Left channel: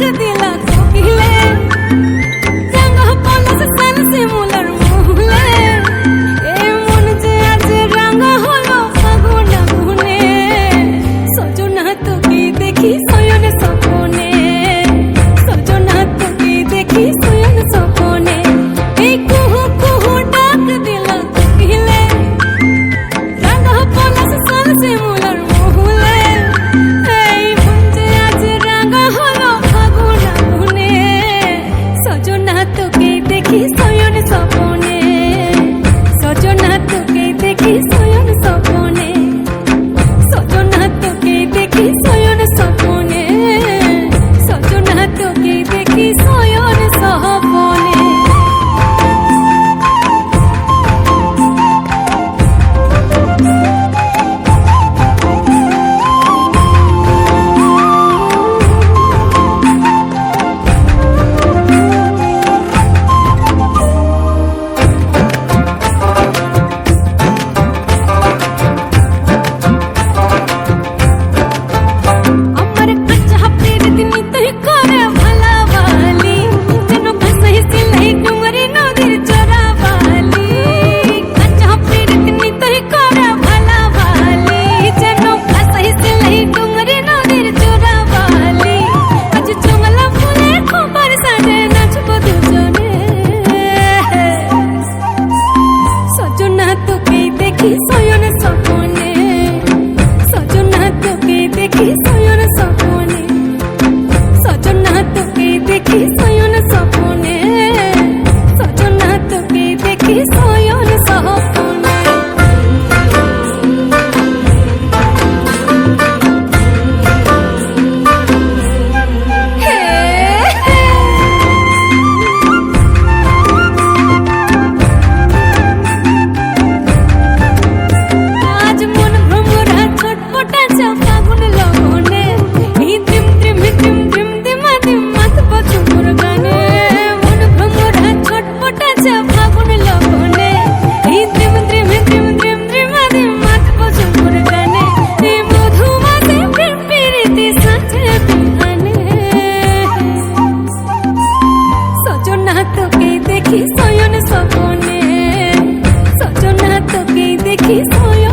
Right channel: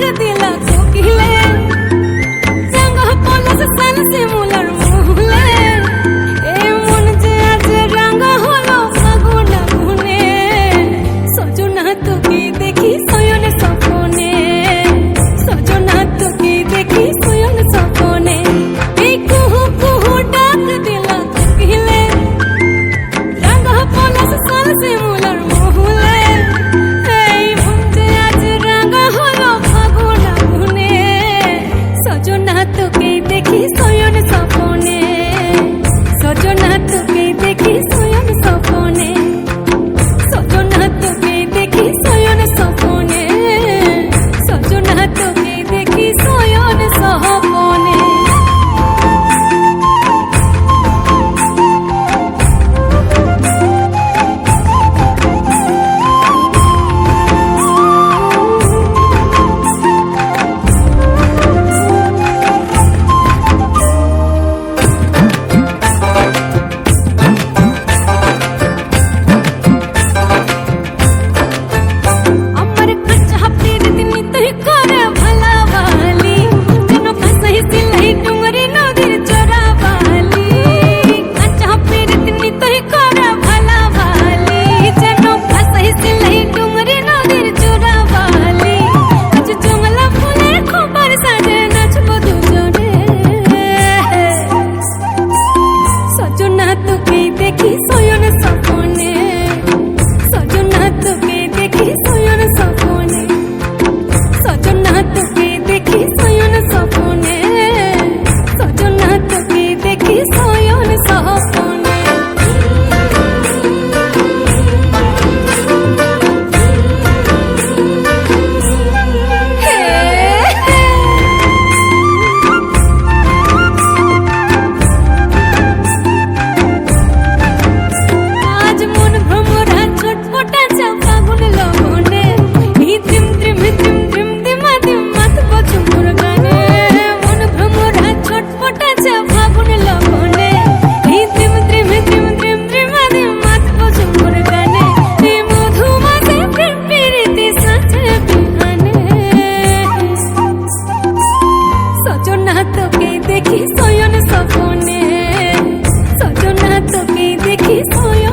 ডাক দিলা কোকিলে, রাঙা পলাশ সাল শিমুলার মহুলে, এ মন যে আজ রাঙা হলো ফাগুন আগুনে। সজনা তোকে দেখি শয়ন স্বপনে, সজনা তোকে দেখি শয়ন স্বপনে। এই কুহু কুহু ডাক দিলা কোকিলে, রাঙা পলাশ সাল শিমুলার মহুলে, এই মন যে আজ রাঙা হলো ফাগুন আগুনে। সজনা তোকে দেখি শয়ন স্বপনে, সজনা তোকে দেখি শয়ন স্বপনে, সজনা তোকে দেখি শয়ন স্বপনে, সজনা তোকে দেখি শয়ন স্বপনে। দেখি শয়ন স্বপনে, সজনা তোকে দেখি শয়ন স্বপনে, সজনা তোকে দেখি শয়ন স্বপনে, সজনা তোকে দেখি শয়ন স্বপনে। ফাগুন লগনে এই দ্রিম দ্রিম দ্রিম দ্রিম দিমা দিম মাথব ঝুমুর গানে, মন ভ্রমরা ছটপটাছে ফাগুন লগনে এই দ্রিম দ্রিম দ্রিম দ্রিম দ্রিমা দিম মাথব ঝুমুর গানে। এই মধুমাসে প্রেম প্রীতি সাঁঝে বিহানে, সজনা তোকে দেখি শয়ন স্বপনে, সজনা তোকে দেখি শয়ন